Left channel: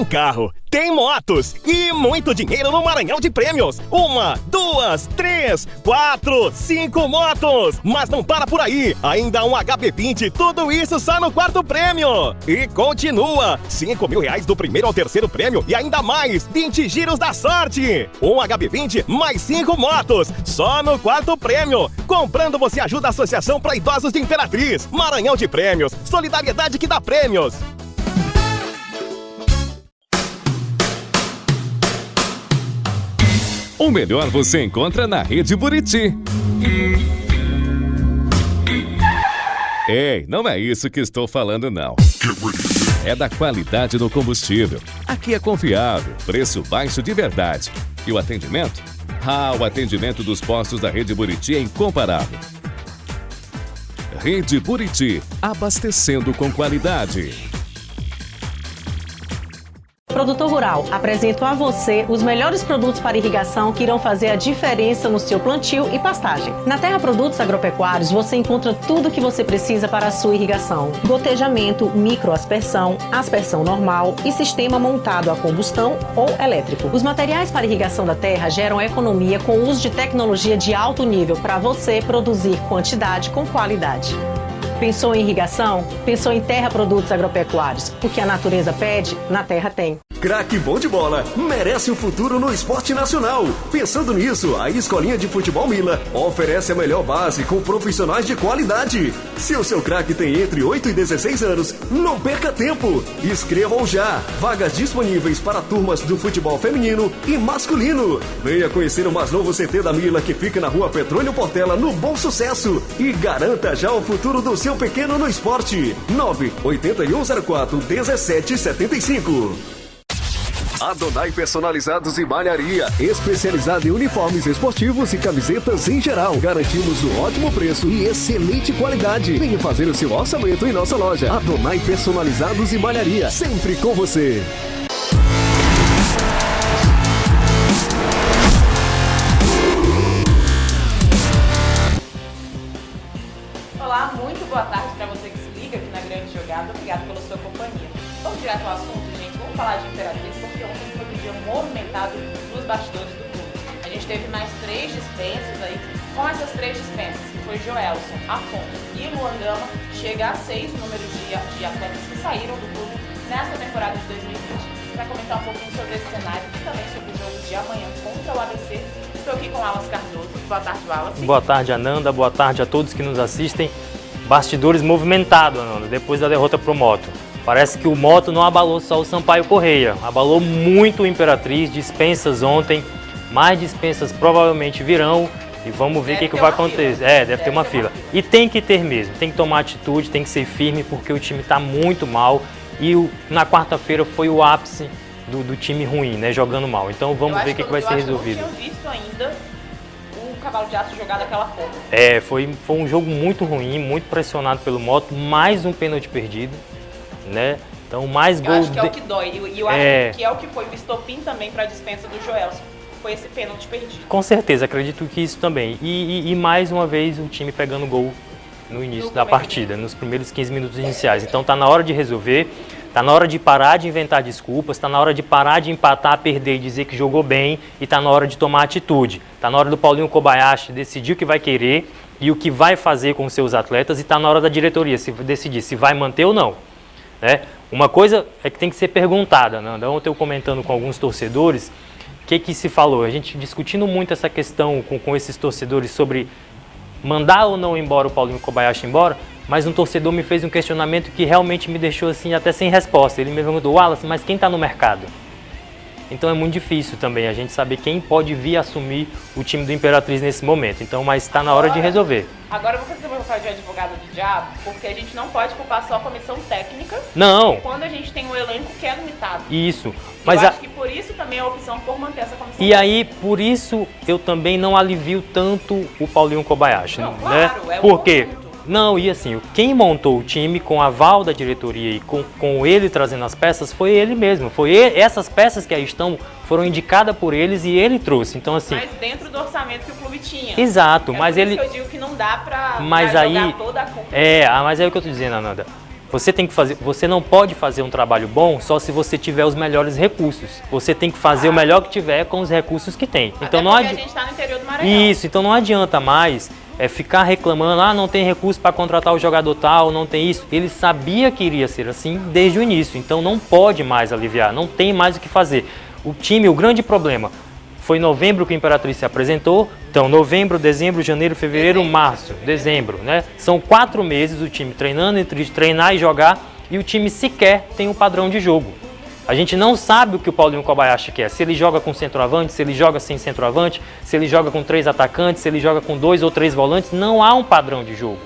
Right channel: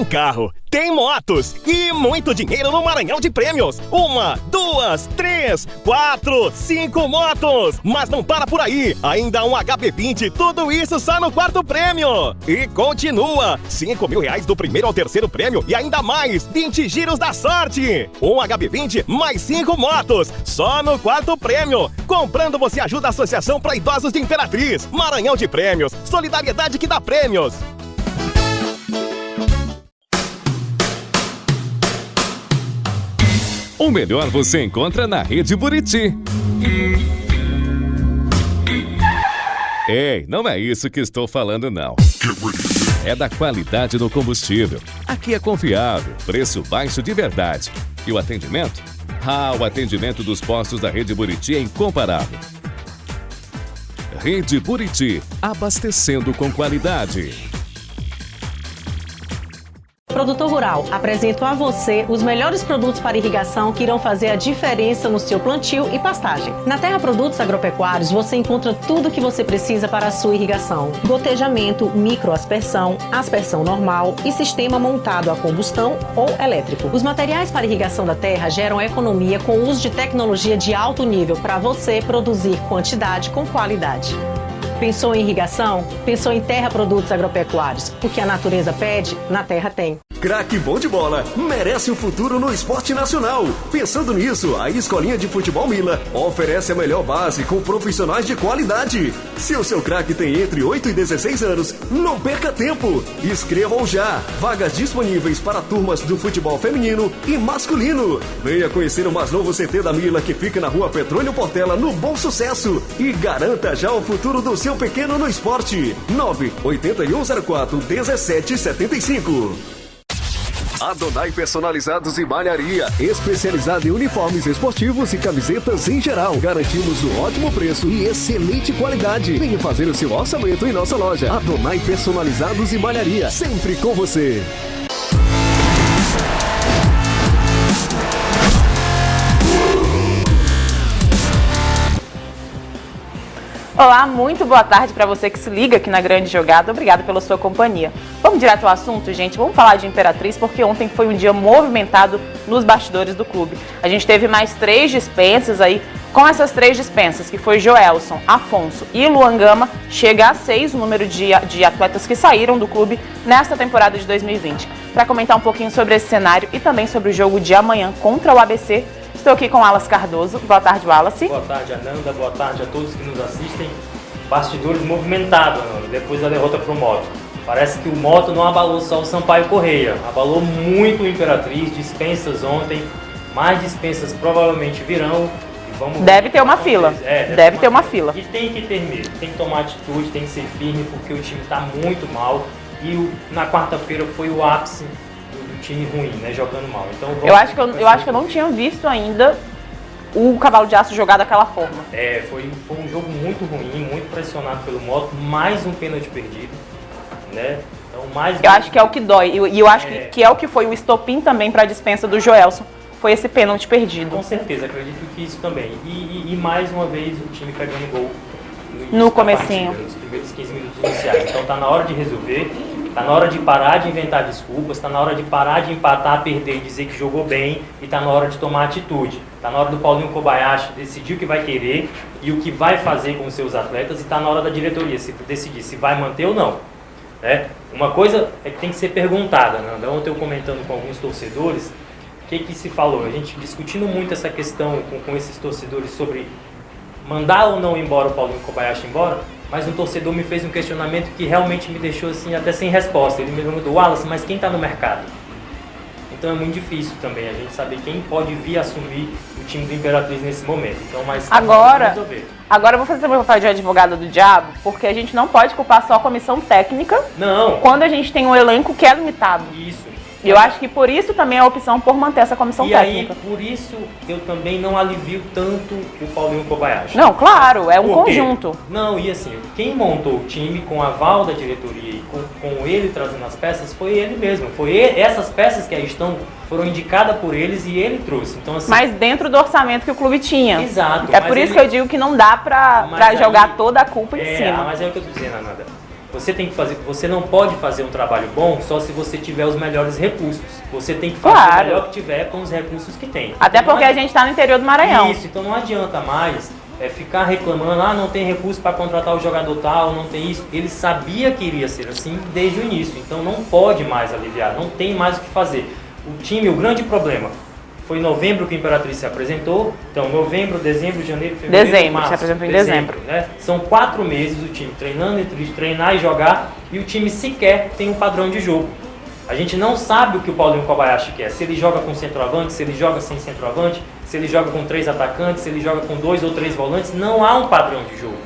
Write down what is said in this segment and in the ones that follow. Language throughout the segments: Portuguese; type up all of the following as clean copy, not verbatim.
Tem carro, tem motos e muito dinheiro no Maranhão de Prêmios. 1, 2, 3, 4, 5 motos. Mas não para por aí. Ainda um HB20, tudo isso só no 4º prêmio. E continua. R$5.000 do primeiro ao 3º prêmio e ainda mais 20 giros da sorte. Um HB20 mais 5 motos. Só no 4º prêmio. Comprando você ajuda a Associação para Idosos de Imperatriz. Maranhão de Prêmios. Solidariedade que dá prêmios. O melhor você encontra na Rede Buriti. Ei, não é isso que estou falando não. É da qualidade do combustível. Aqui é confiável, preço baixo de verdade. E o atendimento? O atendimento dos postos da Rede Buriti é incomparável. Rede Buriti, abastecendo com qualidade. Produtor Rural, apresento a você os melhores produtos para irrigação que irão fazer a diferença no seu plantio e pastagem. Na Terra Produtos Agropecuários você encontra tudo o que você precisa para a sua irrigação. Gotejamento, microaspersão, aspersão normal e sistema montado a combustão ou elétrico. Os materiais para irrigação da terra geram economia com o uso de tecnologia de alto nível para você produzir quantidade com qualidade. Pensou em irrigação? Pensou em Terra Produtos Agropecuários. O que a natureza pede, na terra tem. Craque bom de bola merece um futuro no esporte nacional. Pensando nisso, a Escolinha de Futebol Mila oferece a melhor base com profissionais de qualidade. Se o seu craque tem entre 8 e 16 anos, não perca tempo. Inscreva-o já. Vagas disponíveis para turmas do futebol feminino e masculino. Venha conhecer o mais novo CT da Mila que fica na rua Petrônio Portela, no Bom Sucesso. E garanta já o futuro do seu pequeno no esporte. 98104-1775. Adonai Personalizados e Malharia, especializada em uniformes esportivos e camisetas em geral. Garantimos um ótimo preço e excelente qualidade. Venha fazer o seu orçamento em nossa loja. Adonai Personalizados e Malharia, sempre com você. Olá, muito boa tarde para você que se liga aqui na Grande Jogada. Obrigado pela sua companhia. Vamos direto ao assunto, gente. Vamos falar de Imperatriz, porque ontem foi um dia movimentado nos bastidores do clube. A gente teve mais 3 dispensas aí. Com essas 3 dispensas, que foi Joelson, Afonso e Luan Gama, chega a 6 o número de atletas que saíram do clube nesta temporada de 2020. Para comentar um pouquinho sobre esse cenário e também sobre o jogo de amanhã contra o ABC, estou aqui com Wallace Cardoso. Boa tarde, Wallace. Boa tarde, Ananda. Boa tarde a todos que nos assistem. Bastidores movimentados, Ananda, depois da derrota para o Moto. Parece que o Moto não abalou só o Sampaio Correia, abalou muito o Imperatriz, dispensas ontem, mais dispensas provavelmente virão. E vamos ver o que vai acontecer. Deve ter uma fila. E tem que ter medo, tem que tomar atitude, tem que ser firme, porque o time está muito mal. E na quarta-feira foi o ápice do time ruim, né? Jogando mal. Então vamos ver o que vai ser resolvido. Eu acho que eu não tinha visto ainda o Cavalo de Aço jogar daquela forma. Foi um jogo muito ruim, muito pressionado pelo Moto, mais um pênalti perdido, né? Então mais Eu acho que é o que dói. E eu acho que é o que foi o estopim também para a dispensa do Joelson. Foi esse pênalti perdido. Com certeza, acredito que isso também. E mais uma vez o time pegando gol no início da partida, nos primeiros 15 minutos iniciais. Então tá na hora de resolver, tá na hora de parar de inventar desculpas, tá na hora de parar de empatar, perder e dizer que jogou bem, e tá na hora de tomar atitude. Tá na hora do Paulinho Kobayashi decidir o que vai querer e o que vai fazer com os seus atletas, e tá na hora da diretoria decidir se vai manter ou não. Né? Uma coisa é que tem que ser perguntada, né? Ontem eu comentando com alguns torcedores, o que se falou? A gente discutindo muito essa questão com esses torcedores sobre mandar ou não embora o Paulinho Kobayashi embora, mas um torcedor me fez um questionamento que realmente me deixou assim até sem resposta. Ele me perguntou: Wallace, mas quem está no mercado? Então é muito difícil também a gente saber quem pode vir assumir o time do Imperatriz nesse momento. Então, mas está na hora de resolver. Agora eu vou fazer também o papel de advogado do diabo, porque a gente não pode culpar só a comissão técnica. Não. Quando a gente tem um elenco que é limitado. Isso. Eu acho que por isso também é a opção por manter essa comissão técnica. E aí, por isso, eu também não alivio tanto o Paulinho Kobayashi. Não, claro, né? É um conjunto. Não, e assim, quem montou o time com a aval da diretoria e com ele trazendo as peças foi ele mesmo. Essas peças que aí estão foram indicadas por eles e ele trouxe. Então, assim, mas dentro do orçamento que o clube tinha. Exato. É por isso que eu digo que não dá pra jogar toda a culpa em cima. Mas é o que eu tô dizendo, Ananda. Você não pode fazer um trabalho bom só se você tiver os melhores recursos. Você tem que fazer o melhor que tiver com os recursos que tem. Até porque a gente está no interior do Maranhão. Isso, então não adianta mais ficar reclamando, não tem recurso para contratar o jogador tal, não tem isso. Ele sabia que iria ser assim desde o início, então não pode mais aliviar, não tem mais o que fazer. O grande problema foi em novembro que a Imperatriz se apresentou, então novembro, dezembro, janeiro, fevereiro, março, dezembro, né? São 4 meses o time treinando, entre treinar e jogar, e o time sequer tem um padrão de jogo. A gente não sabe o que o Paulinho Kobayashi quer, se ele joga com centroavante, se ele joga sem centroavante, se ele joga com 3 atacantes, se ele joga com 2 ou 3 volantes, não há um padrão de jogo,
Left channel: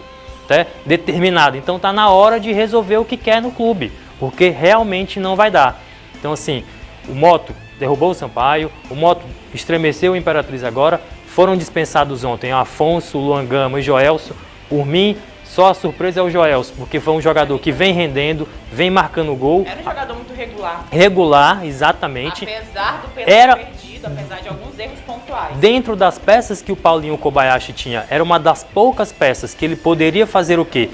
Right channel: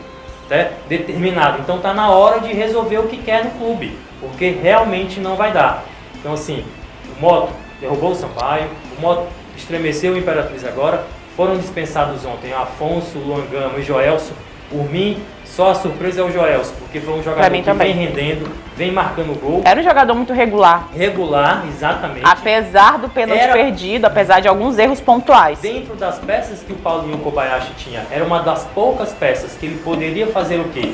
né, determinado. Então tá na hora de resolver o que quer no clube, porque realmente não vai dar. Então assim, o Moto derrubou o Sampaio, o Moto estremeceu o Imperatriz agora, foram dispensados ontem Afonso, Luan Gama e Joelso. Por mim, só a surpresa é o Joelso, porque foi um jogador que vem rendendo, vem marcando gol. Era um jogador muito regular. Regular, exatamente. Apesar do pênalti perdido, apesar de alguns erros pontuais. Dentro das peças que o Paulinho Kobayashi tinha, era uma das poucas peças que ele poderia fazer o quê?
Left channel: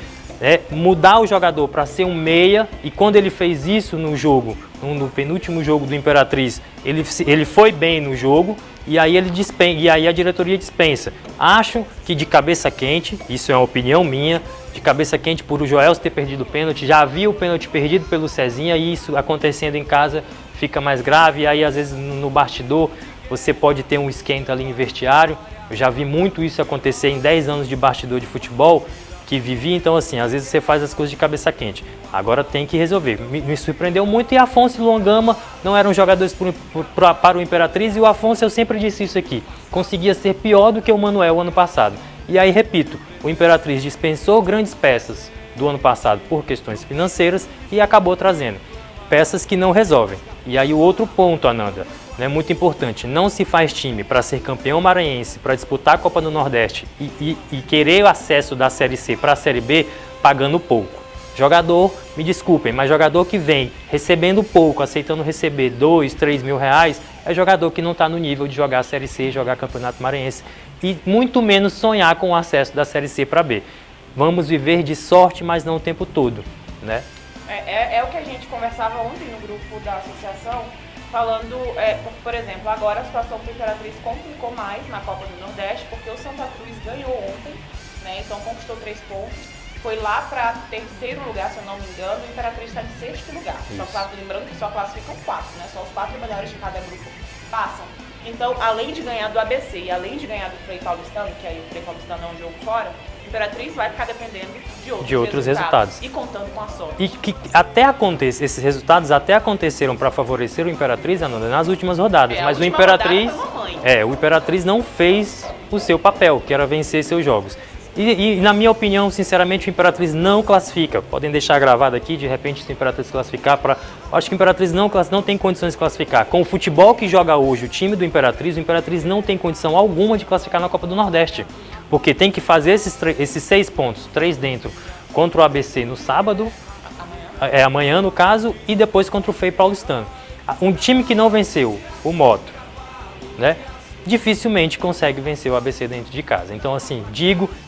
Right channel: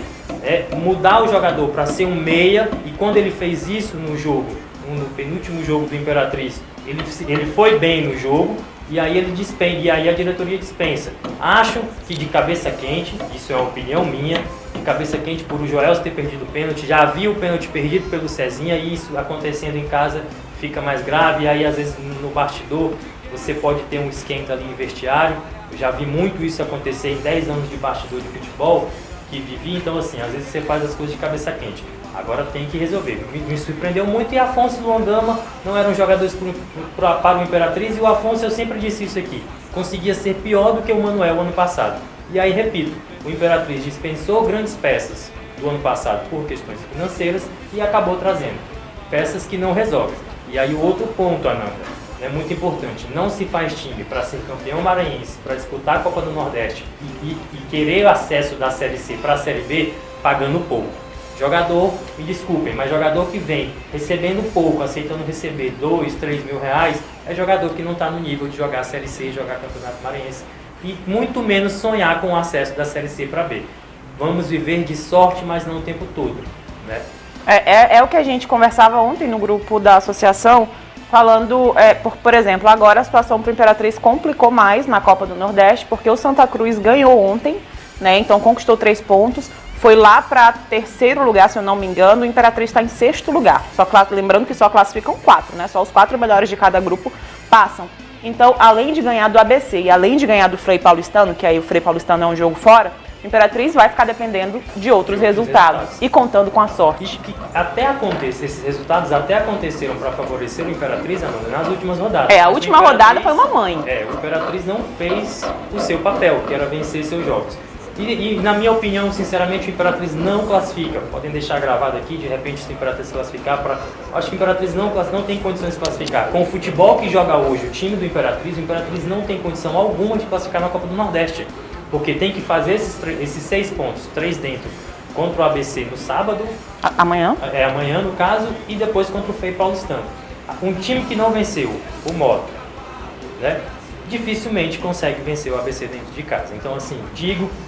Mudar o jogador para ser um meia, e quando ele fez isso no jogo, no penúltimo jogo do Imperatriz, ele foi bem no jogo, e aí a diretoria dispensa. Acho que de cabeça quente, isso é uma opinião minha, de cabeça quente por o Joelso ter perdido o pênalti, já havia o pênalti perdido pelo Cezinha, e isso acontecendo em casa fica mais grave, e aí às vezes no bastidor você pode ter um esquenta ali em vestiário. Eu já vi muito isso acontecer em 10 anos de bastidor de futebol que vivi, então assim, às vezes você faz as coisas de cabeça quente. Agora tem que resolver. Me surpreendeu muito, e Afonso e Luan Gama não eram jogadores para o Imperatriz, e o Afonso, eu sempre disse isso aqui, conseguia ser pior do que o Manuel ano passado. E aí, repito, o Imperatriz dispensou grandes peças do ano passado por questões financeiras e acabou trazendo peças que não resolvem. E aí o outro ponto, Ananda, muito importante, não se faz time para ser campeão maranhense, para disputar a Copa do Nordeste e querer o acesso da Série C para a Série B pagando pouco. Jogador, me desculpem, mas jogador que vem recebendo pouco, aceitando receber 2, 3 mil reais, é jogador que não está no nível de jogar a Série C, jogar Campeonato Maranhense, e muito menos sonhar com o acesso da Série C para B. Vamos viver de sorte, mas não o tempo todo, né? É o que a gente conversava ontem no grupo da associação, falando, por exemplo, agora a situação para o Imperatriz complicou mais na Copa do Nordeste, porque o Santa Cruz ganhou ontem, né? Então conquistou 3 pontos, foi lá para 3º lugar, se eu não me engano, o Imperatriz está em 6º lugar. Lembrando que só classificam 4, né? Só os 4 melhores de cada grupo passam. Então, além de ganhar do ABC e além de ganhar do Frei Paulistano, que aí o Frei Paulistano é um jogo fora, o Imperatriz vai ficar dependendo de outros resultados e contando com a sorte. E que esses resultados até aconteceram para favorecer o Imperatriz, Ananda, nas últimas rodadas. A última rodada foi uma mãe. O Imperatriz não fez o seu papel, que era vencer seus jogos. E na minha opinião, sinceramente, o Imperatriz não classifica. Podem deixar gravado aqui, de repente, se o Imperatriz classificar para... Acho que o Imperatriz não tem condições de classificar. Com o futebol que joga hoje o time do Imperatriz, o Imperatriz não tem condição alguma de classificar na Copa do Nordeste. Porque tem que fazer esses 6 pontos, 3 dentro, contra o ABC no sábado. Amanhã? Amanhã, no caso, e depois contra o Frei Paulistano. Um time que não venceu o Moto, né? Dificilmente consegue vencer o ABC dentro de casa. Então, assim,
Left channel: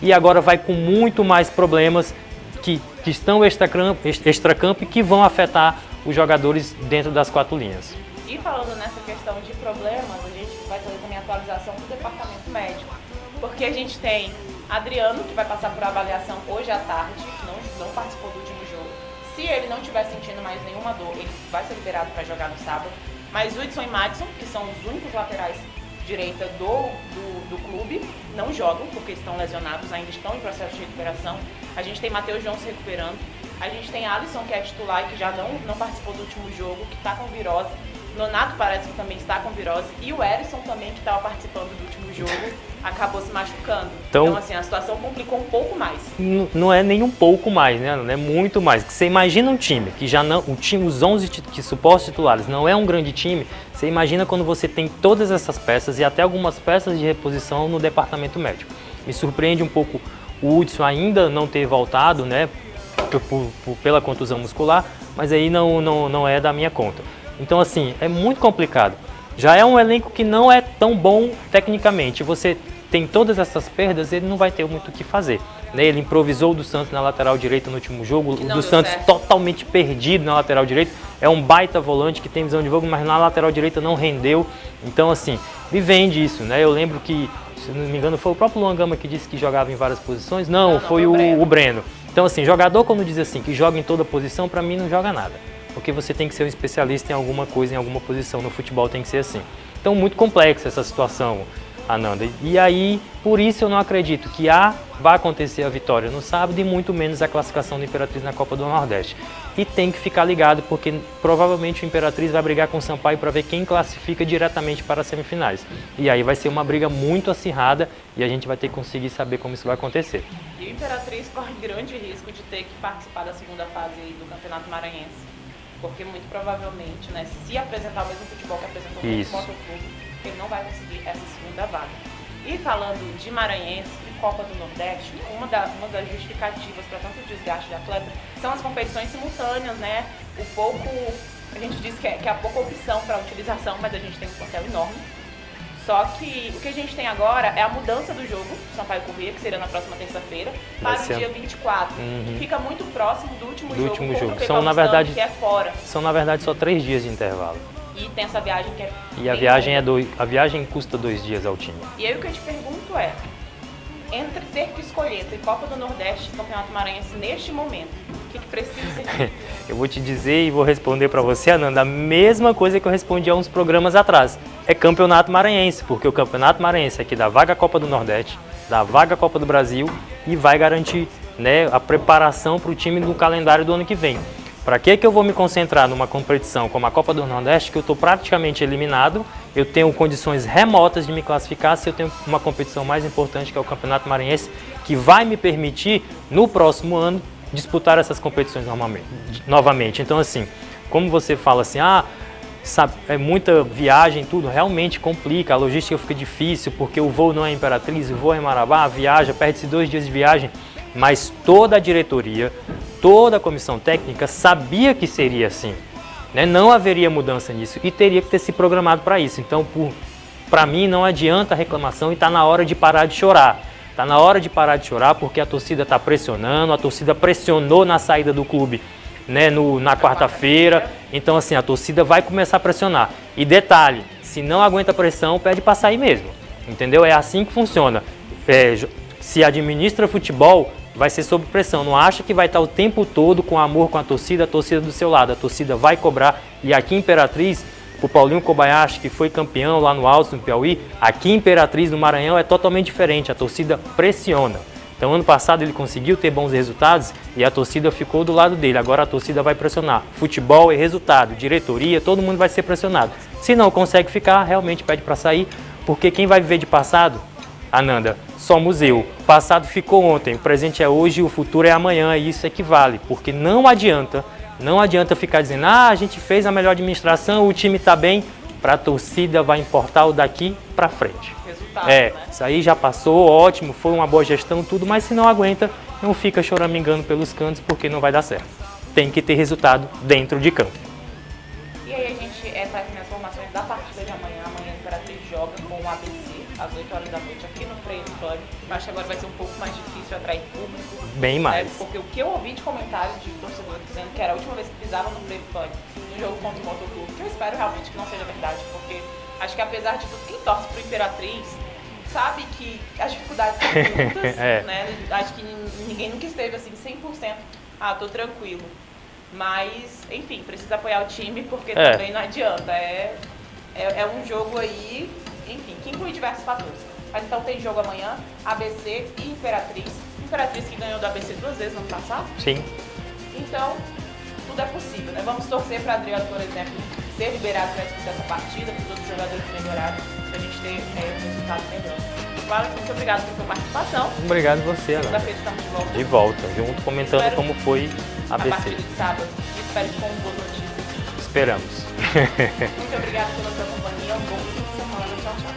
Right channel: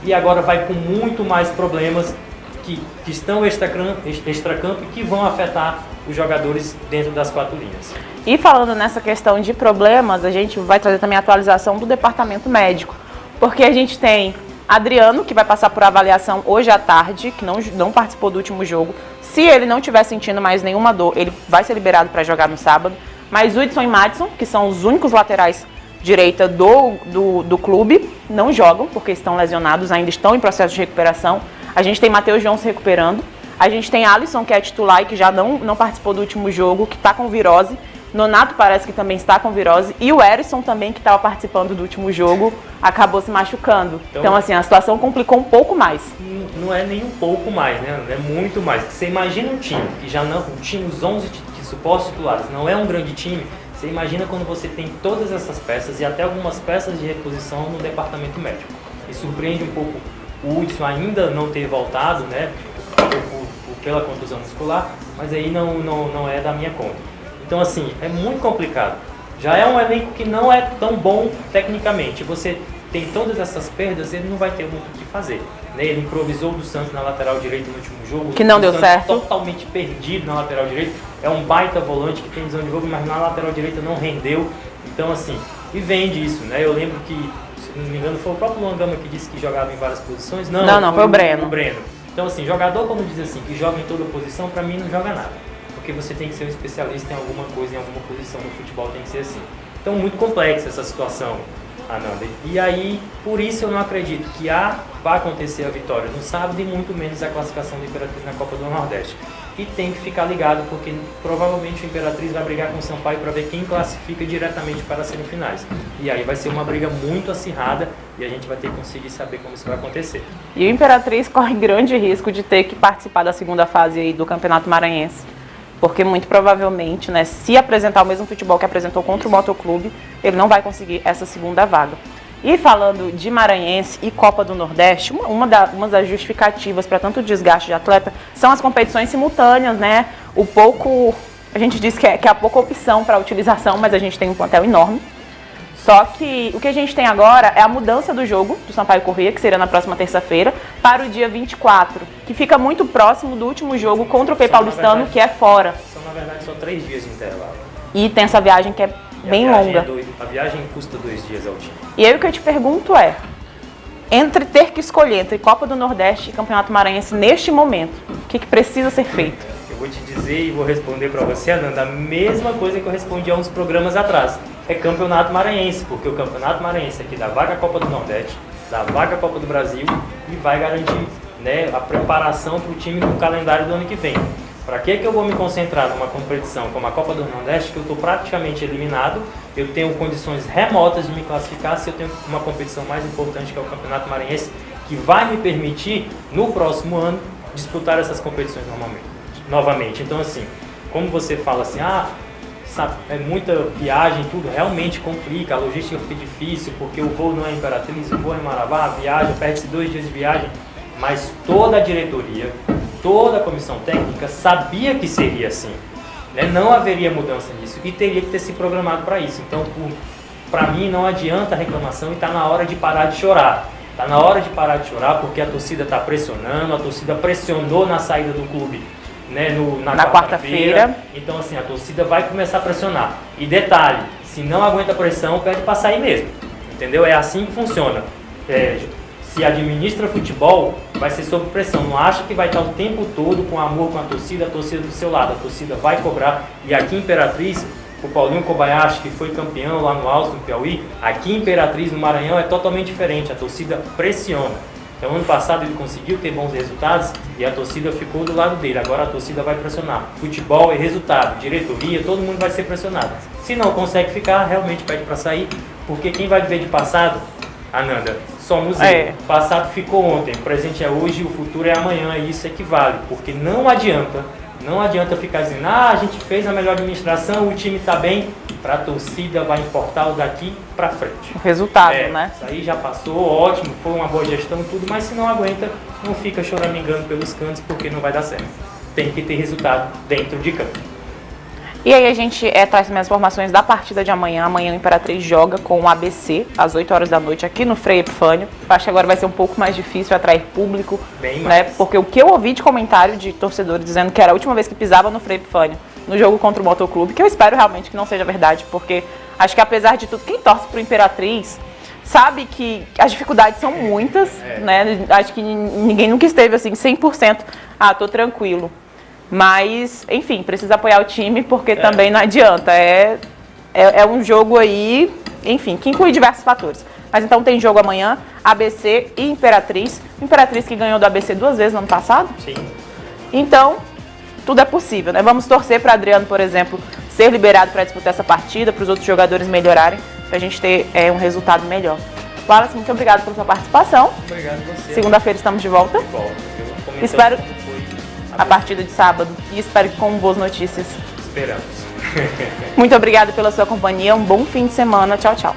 e agora vai com muito mais problemas que estão extracampo e que vão afetar os jogadores dentro das 4 linhas. E falando nessa questão de problemas, a gente vai trazer também a atualização do departamento médico, porque a gente tem Adriano, que vai passar por avaliação hoje à tarde, que não participou do último jogo. Se ele não estiver sentindo mais nenhuma dor, ele vai ser liberado para jogar no sábado. Mas Hudson e Madison, que são os únicos laterais direita do clube, não jogam porque estão lesionados, ainda estão em processo de recuperação. A gente tem Matheus João se recuperando. A gente tem Alisson, que é titular e que já não participou do último jogo, que está com virose. Nonato parece que também está com virose. E o Erisson também, que estava participando do último jogo, acabou se machucando. Então, assim, a situação complicou um pouco mais. Não é nem um pouco mais, né? É muito mais. Você imagina um time que os 11 supostos titulares não é um grande time. Você imagina quando você tem todas essas peças e até algumas peças de reposição no departamento médico. Me surpreende um pouco o Hudson ainda não ter voltado, né? Pela contusão muscular, mas aí não é da minha conta. Então, assim, é muito complicado. Já é um elenco que não é tão bom tecnicamente. Você tem todas essas perdas, ele não vai ter muito o que fazer. Né? Ele improvisou do Santos na lateral direita no último jogo. Que não deu Santos certo. Totalmente perdido na lateral direita. É um baita volante que tem visão de jogo, mas na lateral direita não rendeu. Então, assim, me vende isso, né? Eu lembro que, se não me engano, foi o próprio Luan Gama que disse que jogava em várias posições. Não, foi o Breno. Então, assim, jogador, quando diz assim, que joga em toda posição, pra mim não joga nada. Porque você tem que ser um especialista em alguma coisa, em alguma posição. No futebol tem que ser assim. Então, muito complexa essa situação, Ananda. E aí, por isso eu não acredito que vai acontecer a vitória no sábado e muito menos a classificação da Imperatriz na Copa do Nordeste. E tem que ficar ligado, porque provavelmente o Imperatriz vai brigar com o Sampaio para ver quem classifica diretamente para as semifinais. E aí vai ser uma briga muito acirrada e a gente vai ter que conseguir saber como isso vai acontecer. E o Imperatriz corre grande risco de ter que participar da segunda fase aí do Campeonato Maranhense. Porque muito provavelmente, né, se apresentar o mesmo futebol que apresentou contra o Motoclube, ele não vai conseguir essa segunda vaga. E falando de Maranhense e Copa do Nordeste, uma das justificativas para tanto desgaste de atleta são as competições simultâneas, né? A gente diz que é a pouca opção para utilização, mas a gente tem um plantel enorme. Só que o que a gente tem agora é a mudança do jogo do Sampaio Corrêa, que será na próxima terça-feira, para o dia 24, que fica muito próximo do último jogo contra o Pei Paulistano, que é fora. São, na verdade, só 3 dias de intervalo. E tem essa viagem que é bem longa. A viagem custa 2 dias ao time. E aí o que eu te pergunto é, entre ter que escolher entre Copa do Nordeste e Campeonato Maranhense neste momento, o que precisa ser feito? Eu vou te dizer e vou responder para você, Ananda, a mesma coisa que eu respondi há uns programas atrás. É Campeonato Maranhense, porque o Campeonato Maranhense é que dá vaga à Copa do Nordeste, dá vaga à Copa do Brasil e vai garantir, né, a preparação para o time no calendário do ano que vem. Para que eu vou me concentrar numa competição como a Copa do Nordeste, que eu estou praticamente eliminado, eu tenho condições remotas de me classificar se eu tenho uma competição mais importante, que é o Campeonato Maranhense, que vai me permitir, no próximo ano, disputar essas competições novamente. Então, assim, como você fala assim, sabe, é muita viagem, tudo realmente complica, a logística fica difícil, porque o voo não é em Imperatriz, o voo é em Marabá, viaja, perde-se 2 dias de viagem, mas toda a diretoria, toda a comissão técnica sabia que seria assim, né? Não haveria mudança nisso e teria que ter se programado para isso. Então, para mim, não adianta a reclamação e está na hora de parar de chorar. Está na hora de parar de chorar porque a torcida está pressionando, a torcida pressionou na saída do clube, né, na quarta-feira. Então, assim, a torcida vai começar a pressionar. E detalhe, se não aguenta pressão, pede para sair mesmo. Entendeu? É assim que funciona. Se administra futebol, vai ser sob pressão. Não acha que vai estar o tempo todo com amor com a torcida do seu lado. A torcida vai cobrar. E aqui em Imperatriz, o Paulinho Kobayashi, que foi campeão lá no Alto, no Piauí, aqui em Imperatriz, no Maranhão, é totalmente diferente. A torcida pressiona. Então, ano passado ele conseguiu ter bons resultados e a torcida ficou do lado dele. Agora a torcida vai pressionar. Futebol é resultado, diretoria, todo mundo vai ser pressionado. Se não consegue ficar, realmente pede para sair, porque quem vai viver de passado, Ananda, somos eu. O passado ficou ontem, o presente é hoje e o futuro é amanhã, e isso equivale, porque não adianta ficar dizendo, a gente fez a melhor administração, o time está bem. Para a torcida vai importar o daqui para frente. O resultado, né? Isso aí já passou, ótimo, foi uma boa gestão, tudo, mas se não aguenta, não fica choramingando pelos cantos, porque não vai dar certo. Tem que ter resultado dentro de campo. E aí a gente traz minhas informações da partida de amanhã. Amanhã o Imperatriz joga com o ABC, às 8 horas da noite, aqui no Frei Epifânio. Acho que agora vai ser um pouco mais difícil atrair público. Bem mais. Né? Porque o que eu ouvi de comentário de torcedores dizendo que era a última vez que pisava no Frei Epifânio, no jogo contra o Motoclube, que eu espero realmente que não seja verdade, porque acho que apesar de tudo, quem torce pro Imperatriz sabe que as dificuldades são muitas, né? Acho que ninguém nunca esteve assim 100%, tô tranquilo. Mas, enfim, precisa apoiar o time, porque também não adianta. É um jogo aí, enfim, que inclui diversos fatores. Mas então tem jogo amanhã, ABC e Imperatriz. Imperatriz que ganhou do ABC 2 vezes no ano passado. Sim. Então, tudo é possível, né? Vamos torcer para Adriano, por exemplo, ser liberado para disputar essa partida, para os outros jogadores melhorarem, para a gente ter um resultado melhor. Wallace, muito obrigado pela sua participação. Obrigado a você. Segunda-feira estamos de volta. De volta. Eu comentando como foi a partida de sábado. E espero que com boas notícias. Esperamos. Muito obrigada pela sua companhia. Um bom fim de semana. Tchau, tchau.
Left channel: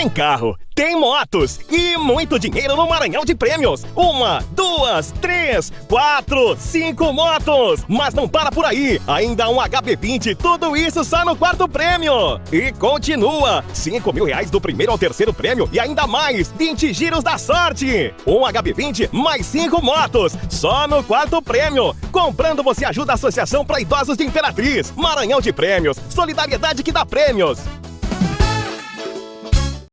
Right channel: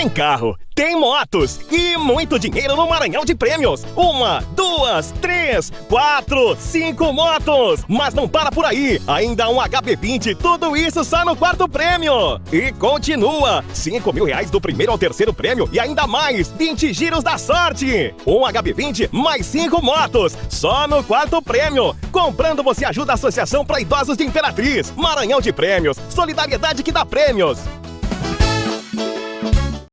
Tem carro, tem motos e muito dinheiro no Maranhão de Prêmios. 1, 2, 3, 4, 5 motos. Mas não para por aí. Ainda um HB20, tudo isso só no 4º prêmio. E continua. R$5.000 do primeiro ao 3º prêmio e ainda mais 20 giros da sorte. Um HB20 mais 5 motos. Só no 4º prêmio. Comprando você ajuda a Associação para Idosos de Imperatriz. Maranhão de Prêmios. Solidariedade que dá prêmios.